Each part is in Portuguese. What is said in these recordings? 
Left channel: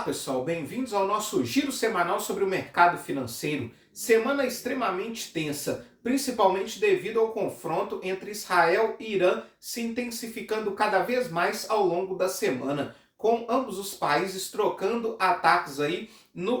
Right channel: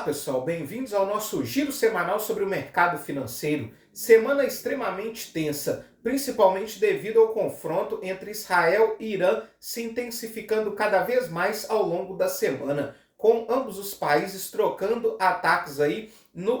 Olá pessoal, bem-vindos ao nosso giro semanal sobre o mercado financeiro. Semana extremamente tensa, principalmente devido ao confronto entre Israel e Irã se intensificando cada vez mais ao longo da semana, com ambos os países trocando ataques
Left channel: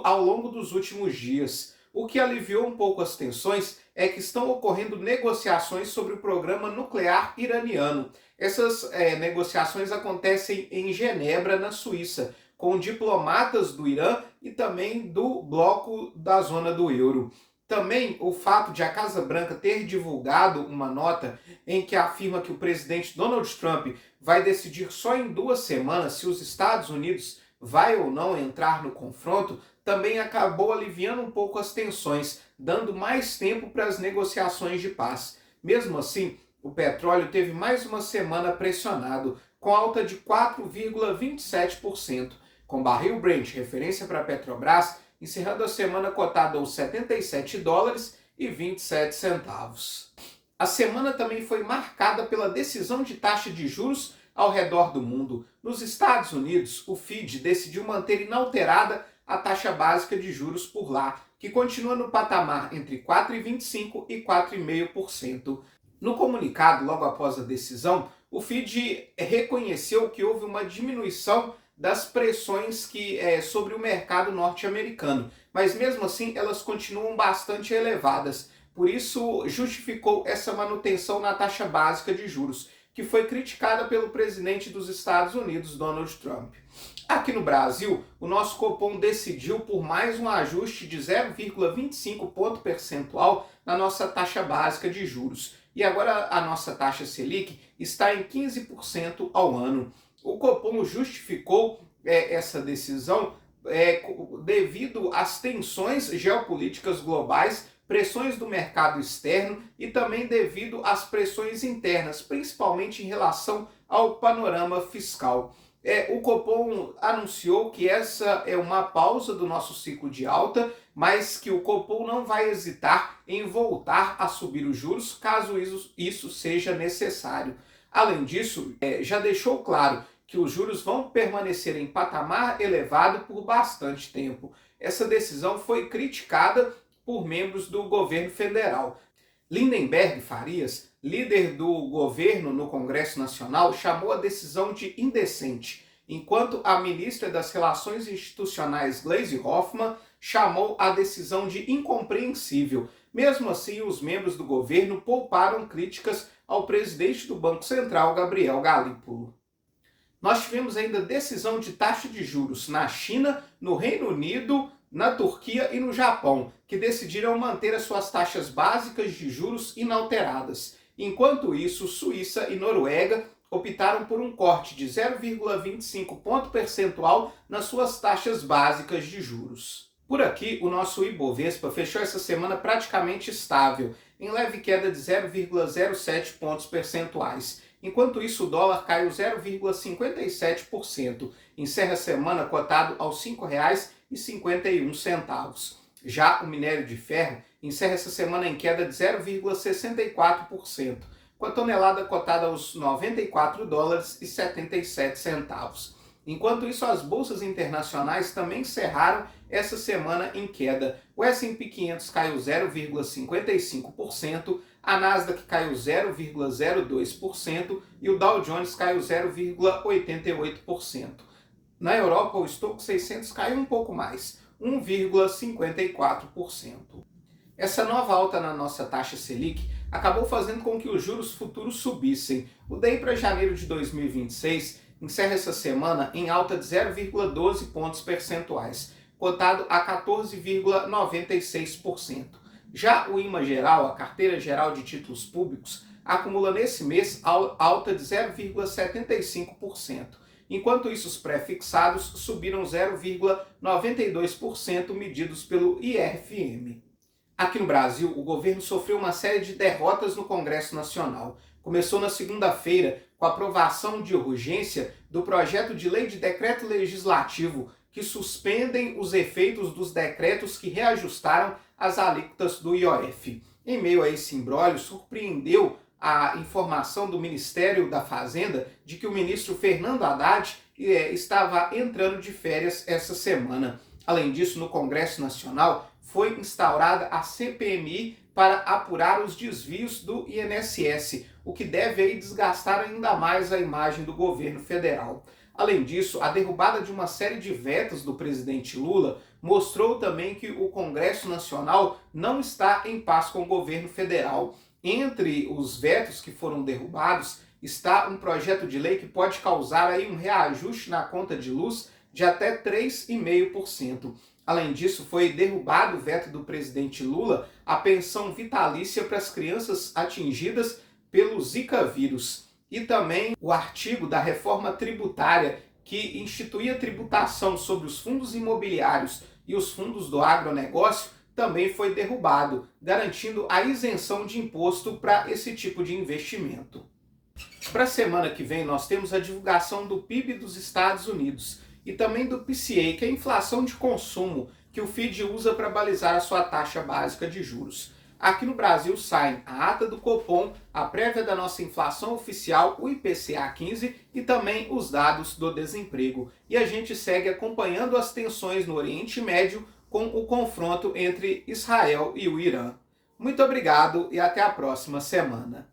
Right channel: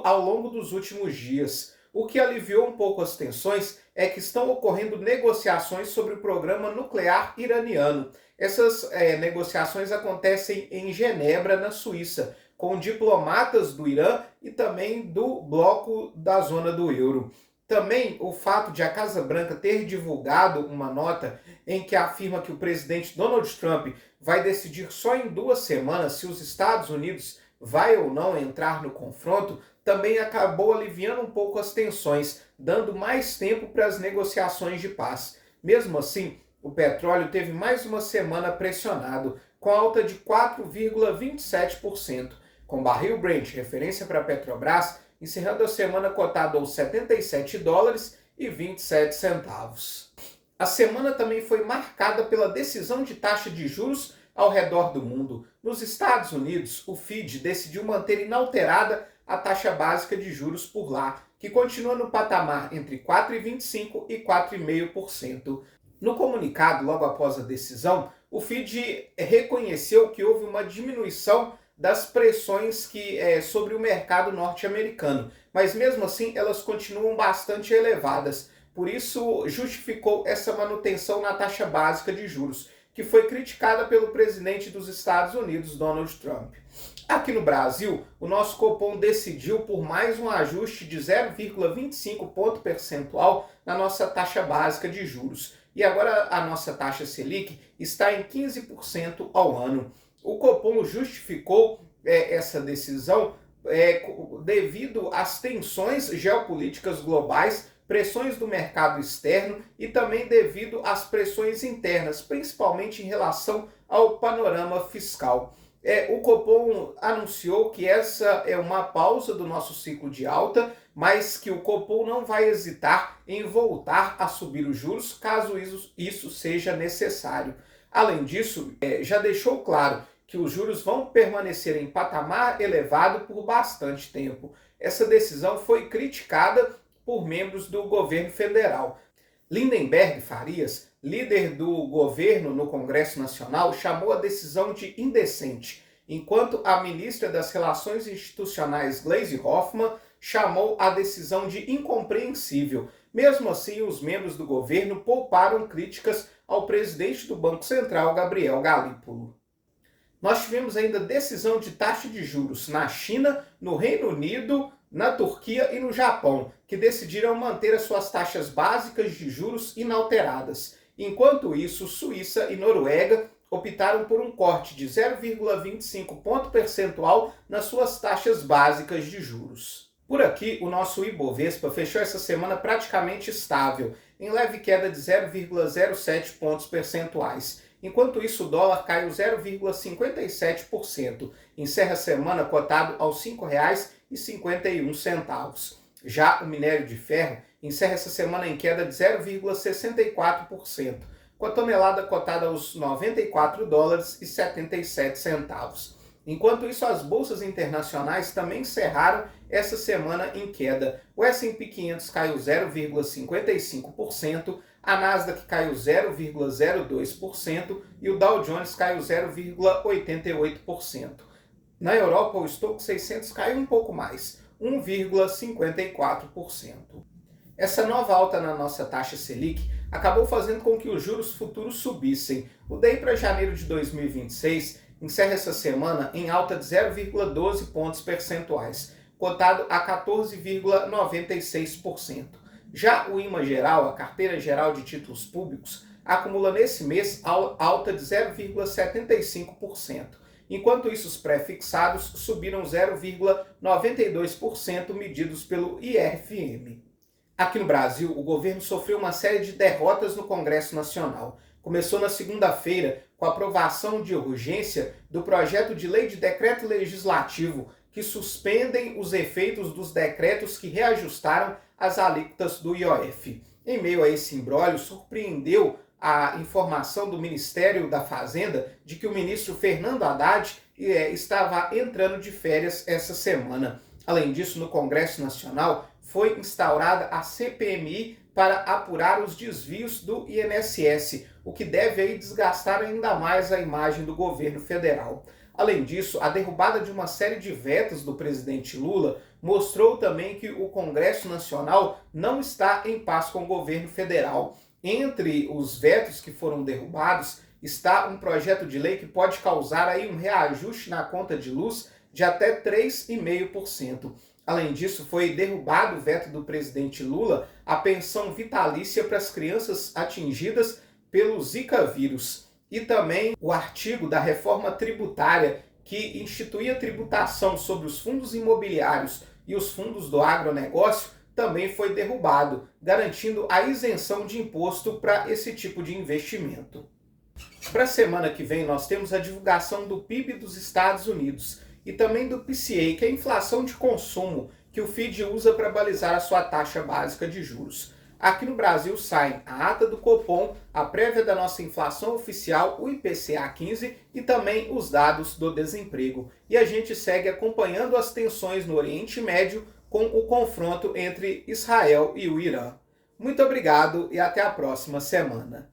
ao longo dos últimos dias. O que aliviou um pouco as tensões é que estão ocorrendo negociações sobre o programa nuclear iraniano. Essas negociações acontecem em Genebra, na Suíça, com diplomatas do Irã e também do bloco da zona do euro. Também o fato de a Casa Branca ter divulgado uma nota em que afirma que o presidente Donald Trump vai decidir só em 2 semanas se os Estados Unidos vai ou não entrar no confronto, também acabou aliviando um pouco as tensões, dando mais tempo para as negociações de paz. Mesmo assim, o petróleo teve mais uma semana pressionado, com alta de 4,27%, com barril Brent, referência para a Petrobras, encerrando a semana cotado aos $77,27. A semana também foi marcada pela decisão de taxa de juros ao redor do mundo. Nos Estados Unidos, o Fed decidiu manter inalterada a taxa básica de juros por lá, que continua no patamar entre 4,25% e 4,5%. No comunicado, logo após a decisão, o Fed reconheceu que houve uma diminuição das pressões sobre o mercado norte-americano, mas mesmo assim elas continuam bastante elevadas. Por isso, justificou essa manutenção na taxa básica de juros, que foi criticada pelo presidente dos Estados Unidos, Donald Trump. Aqui no Brasil, o nosso Copom decidiu por mais um ajuste de 0,25 ponto percentual na nossa taxa básica de juros. E agora a nossa taxa Selic está em 15% ao ano. O Copom justificou essa decisão devido às tensões geopolíticas globais, pressões do mercado externo e também devido às pressões internas, principalmente em relação ao panorama fiscal. O Copom anunciou que essa é uma pausa do nosso ciclo de alta, mas que o Copom não vai hesitar em voltar a subir os juros caso isso seja necessário. Além disso, já deixou claro que os juros vão permanecer em patamar elevado por bastante tempo. Essa decisão foi criticada por membros do governo federal. Lindenberg Farias, líder do governo no Congresso Nacional, chamou a decisão de indecente, enquanto a ministra das Relações Institucionais, Gleisi Hoffmann, chamou a decisão de incompreensível. Mesmo assim, os membros do governo pouparam críticas ao presidente do Banco Central, Gabriel Galípolo. Nós tivemos ainda decisão de taxa de juros na China, no Reino Unido, na Turquia e no Japão, que decidiram manter as suas taxas básicas de juros inalteradas. Enquanto isso, Suíça e Noruega optaram por um corte de 0,25 ponto percentual nas suas taxas básicas de juros. Por aqui, o nosso Ibovespa fechou essa semana praticamente estável, em leve queda de 0,07 pontos percentuais. Enquanto isso, o dólar caiu 0,57%, encerra a semana cotado aos R$ 5,51. Já o minério de ferro encerra essa semana em queda de 0,64%, com a tonelada cotada aos $94,77. Enquanto isso, as bolsas internacionais também encerraram essa semana em queda. O S&P 500 caiu 0,55%, a Nasdaq caiu 0,02% e o Dow Jones caiu 0,88%. Na Europa, o Stoxx 600 caiu um pouco mais, 1,54%. Essa nova alta na nossa taxa Selic acabou fazendo com que os juros futuros subissem. O DI para janeiro de 2026 encerra essa semana em alta de 0,12 pontos percentuais, cotado a 14,96%. Já o IMA geral, a carteira geral de títulos públicos, acumula nesse mês alta de 0,75%. Enquanto isso, os pré-fixados subiram 0,92% medidos pelo IRFM. Aqui no Brasil, o governo sofreu uma série de derrotas no Congresso Nacional. Começou na segunda-feira com a aprovação de urgência do projeto de lei de decreto legislativo que suspendem os efeitos dos decretos que reajustaram as alíquotas do IOF. Em meio a esse imbróglio, surpreendeu a informação do Ministério da Fazenda de que o ministro Fernando Haddad estava entrando de férias essa semana. Além disso, no Congresso Nacional foi instaurada a CPMI para apurar os desvios do INSS, o que deve aí desgastar ainda mais a imagem do governo federal. Além disso, a derrubada de uma série de vetos do presidente Lula mostrou também que o Congresso Nacional não está em paz com o governo federal. Entre os vetos que foram derrubados está um projeto de lei que pode causar aí um reajuste na conta de luz de até 3,5%. Além disso, foi derrubado o veto do presidente Lula a pensão vitalícia para as crianças atingidas pelo Zika vírus. E também o artigo da reforma tributária que instituía tributação sobre os fundos imobiliários e os fundos do agronegócio também foi derrubado, garantindo a isenção de imposto para esse tipo de investimento. Para a semana que vem, nós temos a divulgação do PIB dos Estados Unidos e também do PCA, que é a inflação de consumo, que o FED usa para balizar a sua taxa básica de juros. Aqui no Brasil saem a ata do Copom, a prévia da nossa inflação oficial, o IPCA 15 e também os dados do desemprego. E a gente segue acompanhando as tensões no Oriente Médio com o confronto entre Israel e o Irã. Muito obrigado e até a próxima semana.